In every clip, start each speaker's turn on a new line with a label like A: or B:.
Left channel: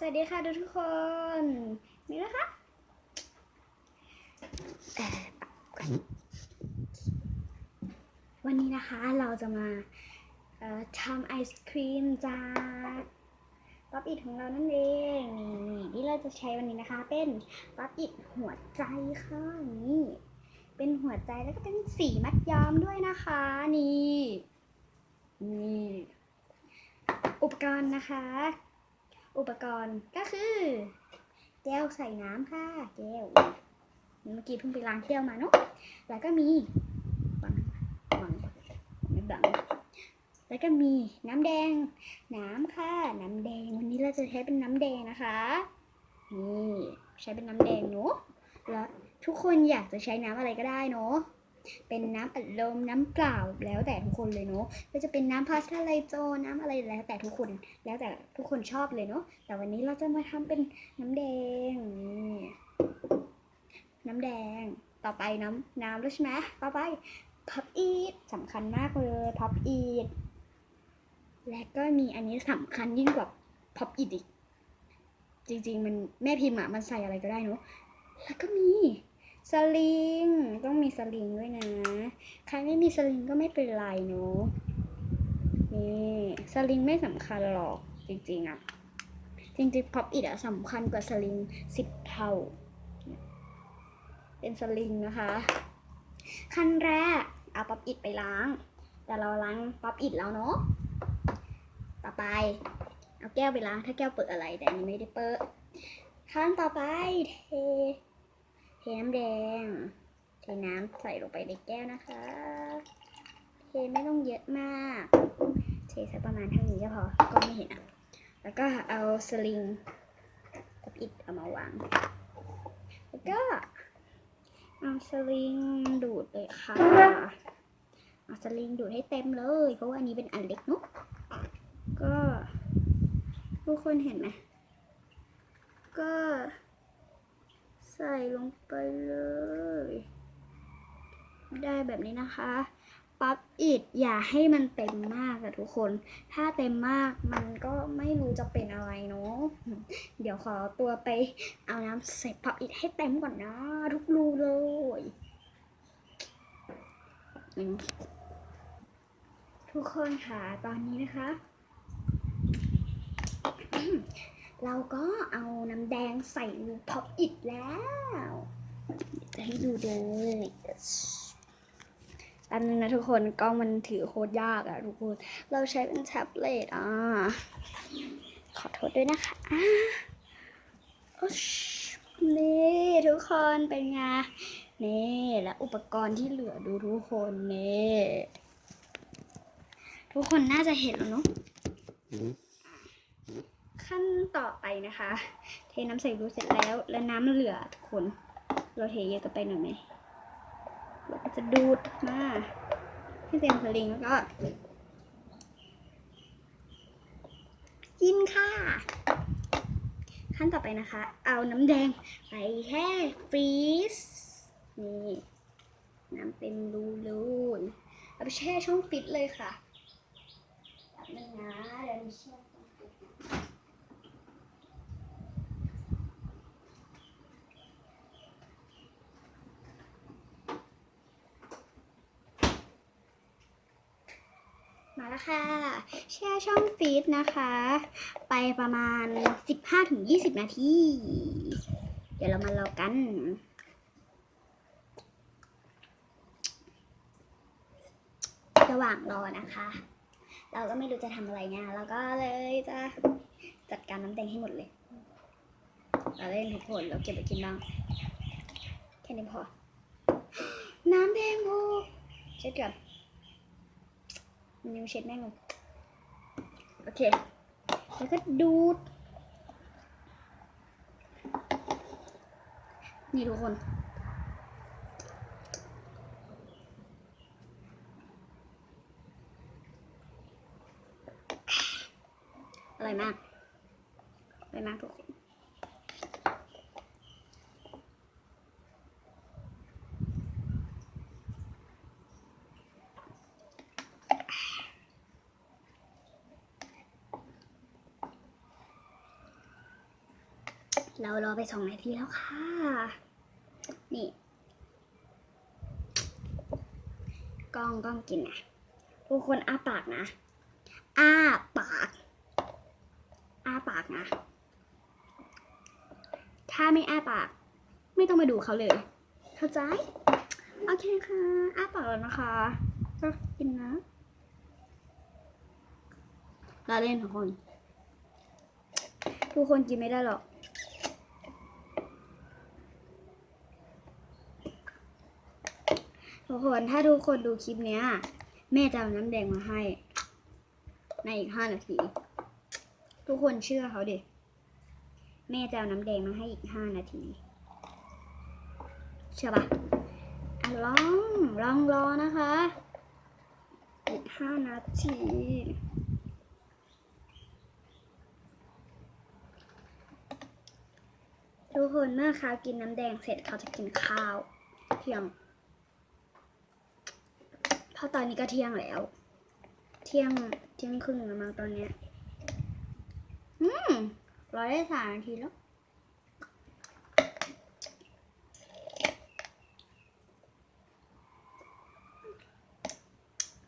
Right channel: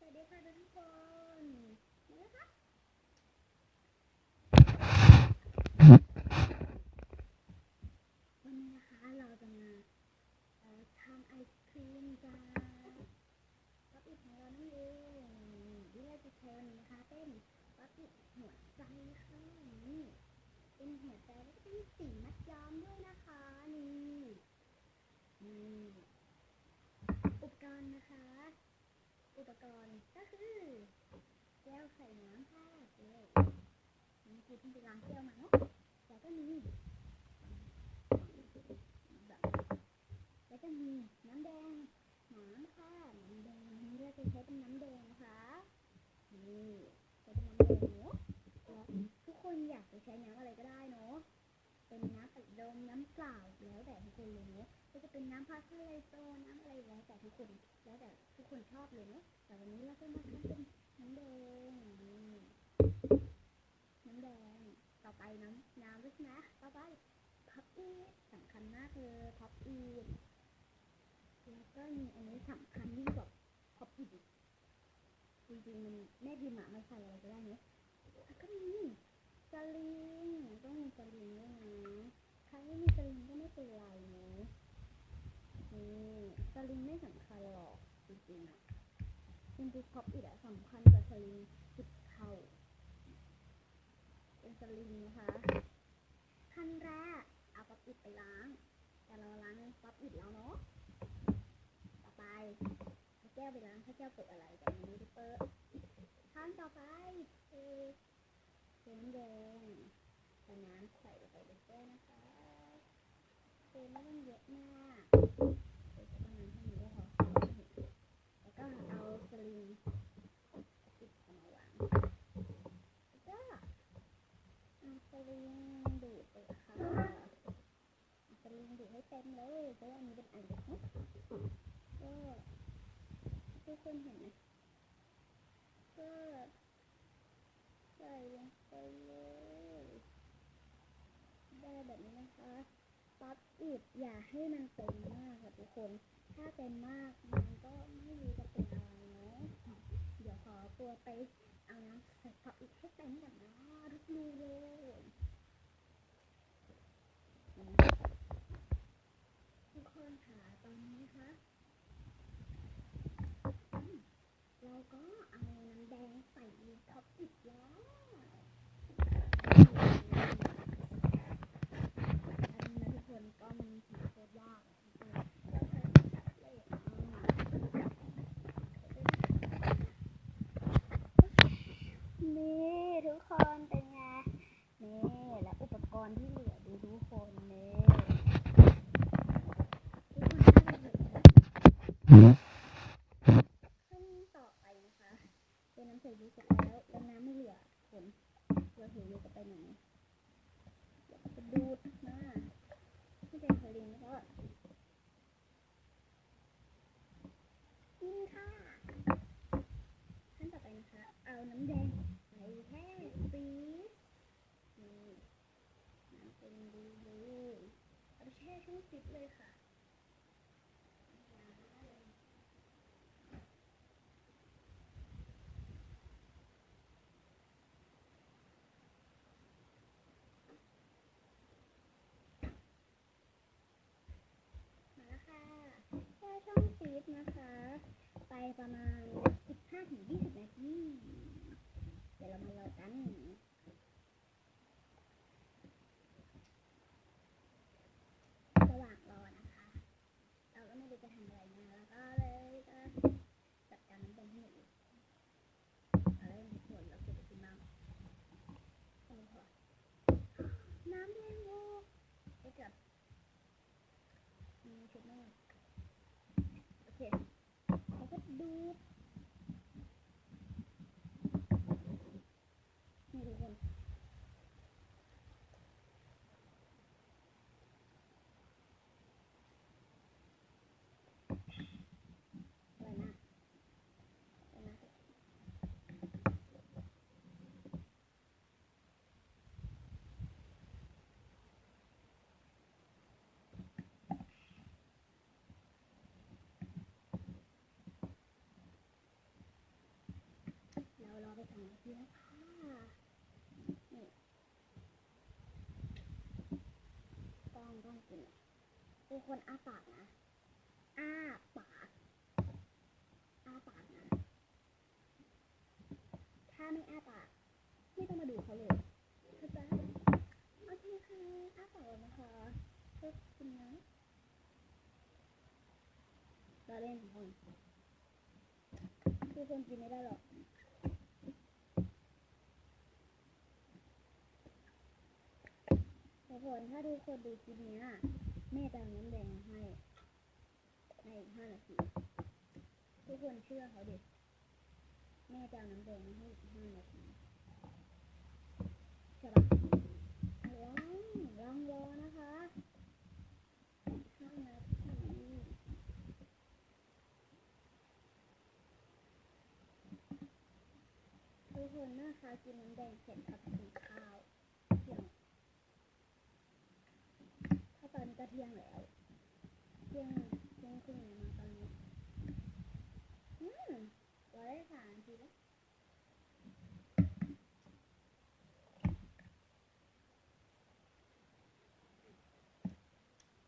A: สวัสดีค่ะทุกคน นี่นะคะ วันนี้นะคะเราจะมาทำไอศครีมจากป๊อปอิดของเรานั่นเองนี่ที่เราจะใช้วันนี้นะคะ เป็นป๊อปอิดหัวใจค่ะนี่เป็นหัวใจแล้วก็เป็นสีมัดย้อมด้วยนะคะนี่นี่อุปกรณ์นะคะ อุปกรณ์ก็คือแก้วใส่น้ำค่ะแก้วเมื่อกี้เพิ่งไปล้างแก้วมาเนาะแล้วก็มีบังบังไม่บังแล้วก็มีน้ำแดง น้ำค่ะ น้ำแดงวันนี้เราจะใช้เป็นน้ำแดงนะคะนี่ใช้เป็นน้ำแดงเนาะแล้วทุกคนอยากจะใช้น้ำอะไรก็ได้เนาะ เป็นน้ำอัดลมน้ำเปล่าแล้วแต่ทุกคนเลยเนาะก็จะเป็นน้ำพาสเทลไลโจน้ำอะไรแล้วแต่ทุกคนแล้วแต่ทุกคนชอบเลยเนาะแต่วันนี้เราจะมาทำเป็นน้ำแดงน้ำแดงต่อไปน้ำน้ำแล้วใช่ไหมต่อไปพับอีทสำคัญมากเลยพับอีทและก็มีอันนี้สำคัญยิ่งกว่าพับอีทอีกจริง ๆ มันแม่พิมพ์อะมันใส่อะไรก็ได้เนาะแล้วก็มีสลิงต้อง สลิงด้วยนะ ใครไม่มีสลิงก็ไม่เป็นไรเนาะ นี่สลิงไม่สำคัญหรอกจริงๆอะจริงๆพับอิดอะสำคัญกว่าสลิงสิบเท่า เป็นสลิงนะคะ ขั้นแรกเอาป๊อปอิดไปล้าง แต่เราล้างป๊อปอิดแล้วเนาะ ต่อไป เอาแก้วไปล้างถ้าแก้วเปิดอะไรแต่อันนี้ไม่ได้เปิดขั้นต่อไปเทเทน้ำแดง ทน้ำใส่ลงไปในแก้วนะคะเทไม่ต้องเยอะมากเทสักประมาณเท่านี้ก็พอก็ไม่เห็นอะแล้วก็เอาสลิงกับอิดเอามาวาง แล้วก็เอาสลิงดูดเลยค่ะเอาสลิงดูดให้เต็มเลย เพราะว่าอันนี้เป็นอันเล็กเนอะก็ทุกคนเห็นไหม ก็ใส่ลงไปเลย ได้แบบ นะคะปั๊บอิดอย่าให้มันเต็มมากอะทุกคน ถ้าเต็มมากมันก็ไม่รู้จะเป็นอะไรเนาะ เดี๋ยวขอตัวไปเอาน้ำใส่ปั๊บอิดให้เต็มก่อนนะ ทุกรูเลยทุกคนค่ะตอนนี้นะคะ เราก็เอาน้ำแดงใส่ลูกพับอิดแล้วให้ดูเลย อันนึงนะทุกคนกล้องมันถือโคตรยากอะทุกคน เราใช้เป็นแท็บเล็ตอะ ขอโทษด้วยนะคะนี่ทุกคนเป็นไง นี่และอุปกรณ์ที่เหลือดูทุกคนนี่ทุกคนน่าจะเห็นแล้วเนาะขั้นต่อไปนะคะ เทน้ำใส่รูเสร็จแล้ว แล้วน้ำเหลือทุกคน เราเทเยอะกันไปหน่อยไหม จะดูดมาให้เต็มสลิงแล้วก็ กินค่ะ ขั้นต่อไปนะคะ เอาน้ำแดงไปแช่ฟรีซนี่น้ำเต็มรูเลยเอาไปแช่ช่องฟิตเลยค่ะแป๊บนึงนะเดี๋ยวมีแช่ช่องฟิต มาแล้ว ค่ะ แช่ช่องฟีดนะคะ ไปประมาณ 15-20 นาที เดี๋ยวเรามารอกันระหว่างรอนะคะ เราก็ไม่รู้จะทำอะไรเนี่ยเราก็เลยจะจัดการน้ำแดงให้หมดเลย เราเล่นทุกคนเราเก็บไปกินบ้างแค่นี้พอ น้ำแดงโบเช็ดก่อน นิ้วเช็ดแม่งเลยโอเค แล้วก็ดูด นี่ทุกคนอร่อยมากอร่อยมากทุกคน เรารอไปสองนาทีแล้วค่ะ นี่กล้องกล้องกินนะทุกคนอ้าปากนะ อ้าปาก อ้าปากนะ ถ้าไม่อ้าปาก ไม่ต้องมาดูเขาเลย เข้าใจ โอเคค่ะ อ้าปากแล้วนะคะก็กินนะลาเล่นทุกคน ทุกคนกินไม่ได้หรอก ทุกคนถ้าทุกคนดูคลิปเนี้ย แม่จะเอาน้ำแดงมาให้ ในอีกห้านาที ทุกคนเชื่อเขาดิ แม่จะเอาน้ำแดงมาให้อีกห้านาที เชื่อปะอะลองลองรอนะคะ อีกห้านาทีทุกคนเมื่อเขากินน้ำแดงเสร็จเขาจะกินข้าว เที่ยง เพราะตอนนี้ก็เที่ยงแล้ว เที่ยงเที่ยงครึ่งแล้วมั้งตอนเนี้ยอืมรอได้สามนาทีแล้ว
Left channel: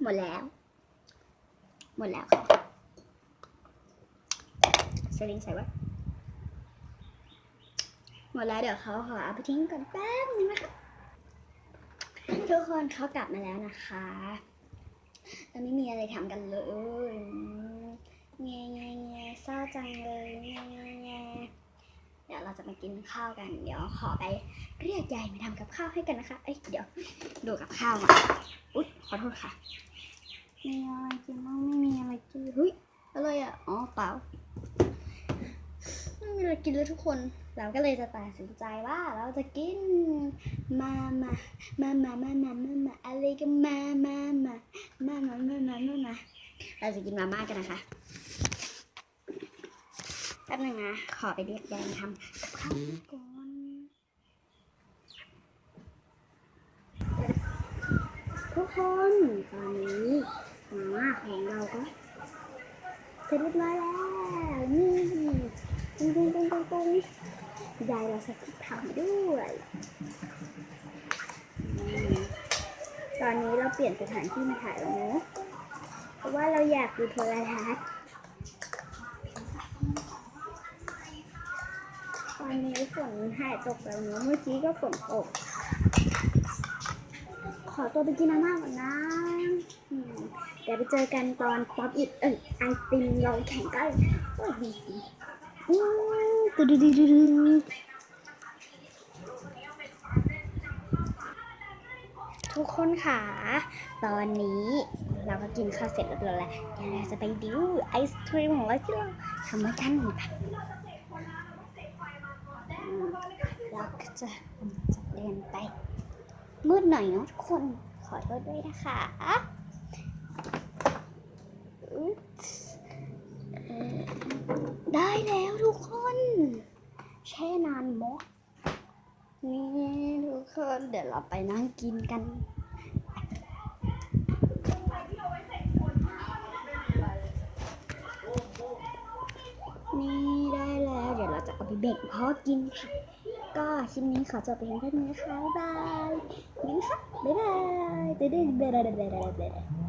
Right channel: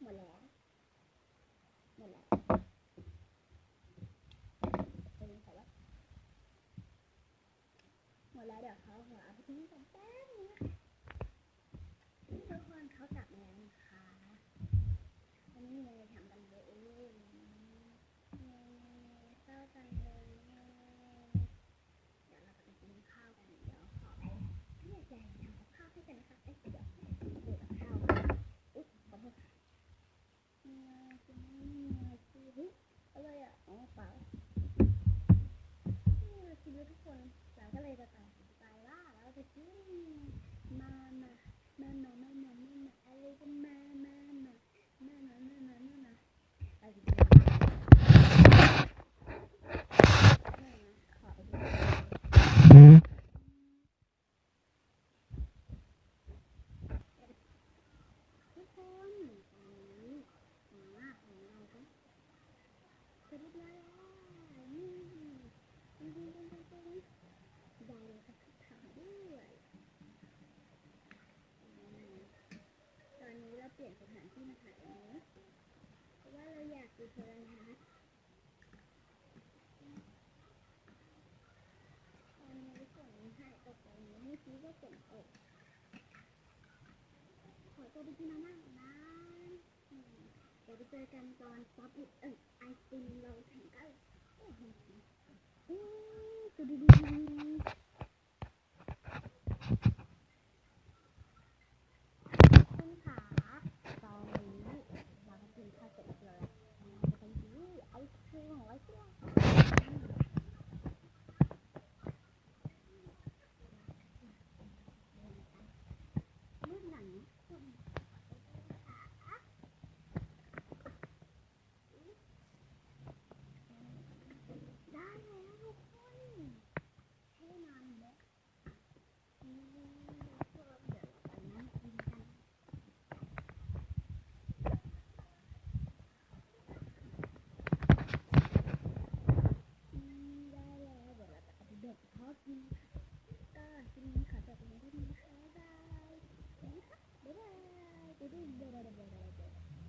A: หมดแล้ว หมดแล้วค่ะสลิงใส่ไว้หมดแล้วเดี๋ยวเขาขอเอาไปทิ้งก่อนแป๊บนึงนะคะ ทุกคนเขากลับมาแล้วนะคะเราไม่มีอะไรทำกันเลยแง่แง่แง่เศร้าจังเลยแง่แง่แง่เดี๋ยวเราจะมากินข้าวกัน เดี๋ยวขอไปเรียกยายมาทำกับข้าวให้กันนะคะ เอ้ยเดี๋ยวดูกับข้าวมาอุ๊ยขอโทษค่ะมีอะไรกินบ้างไม่มีอะไรกินเฮ้ยอะไรอะ อ๋อเปล่าไม่มีอะไรกินเลยทุกคนเราก็เลยจะตัดสินใจว่าเราจะกินมามามามามามามามาอะไรกันมามามามามามามามามาเราจะกินมาม่ากันนะคะแป๊บนึงนะขอไปเรียกกันทำทุกคนตอนนี้มาม่าของเราก็เสร็จเรียบร้อยแล้วนี่ตุ้งตุ้งตุ้งตุ้งตุ้ง ยายเราใส่พริกเผาด้วยอตอนนี้เราเปลี่ยนสถานที่มาถ่ายแล้วเนะเพราะว่าเราอยากดูโทรทัศน์ตอนนี้ฝนหายตกแล้วเนะเมื่อกี้ก็ฝนตก ขอตัวไปกินน้ำมากก่อนนะเดี๋ยวไปเจอกันตอนป๊อปอิดเอ้ยไอติมเราแข่งกันโอ้ยดีดีอืมตึ๊ดดึ๊ดดึ๊ดดึ๊ด ทุกคนค่ะ ตอนนี้เราก็กินข้าวเสร็จเรียบร้อยแล้วเดี๋ยวเราจะไปดิวไอศครีมของเราที่เราทำกันอืมเราก็จะจะเดินไป มืดหน่อยเนาะทุกคนขอโทษด้วยนะคะได้แล้ว ช่นานมกนี่ทุกคนเดี๋ยวเราไปนั่งกินกันนี่ได้แล้ว เดี๋ยวเราจะเอาไปแบ่งพ่อกินค่ะ ก็คลิปนี้ขอจบไปเพียงเท่านี้นะคะ บ๊ายบายนี่ค่ะบ๊ายบายเด้อเด้เด้เด้เด้เด้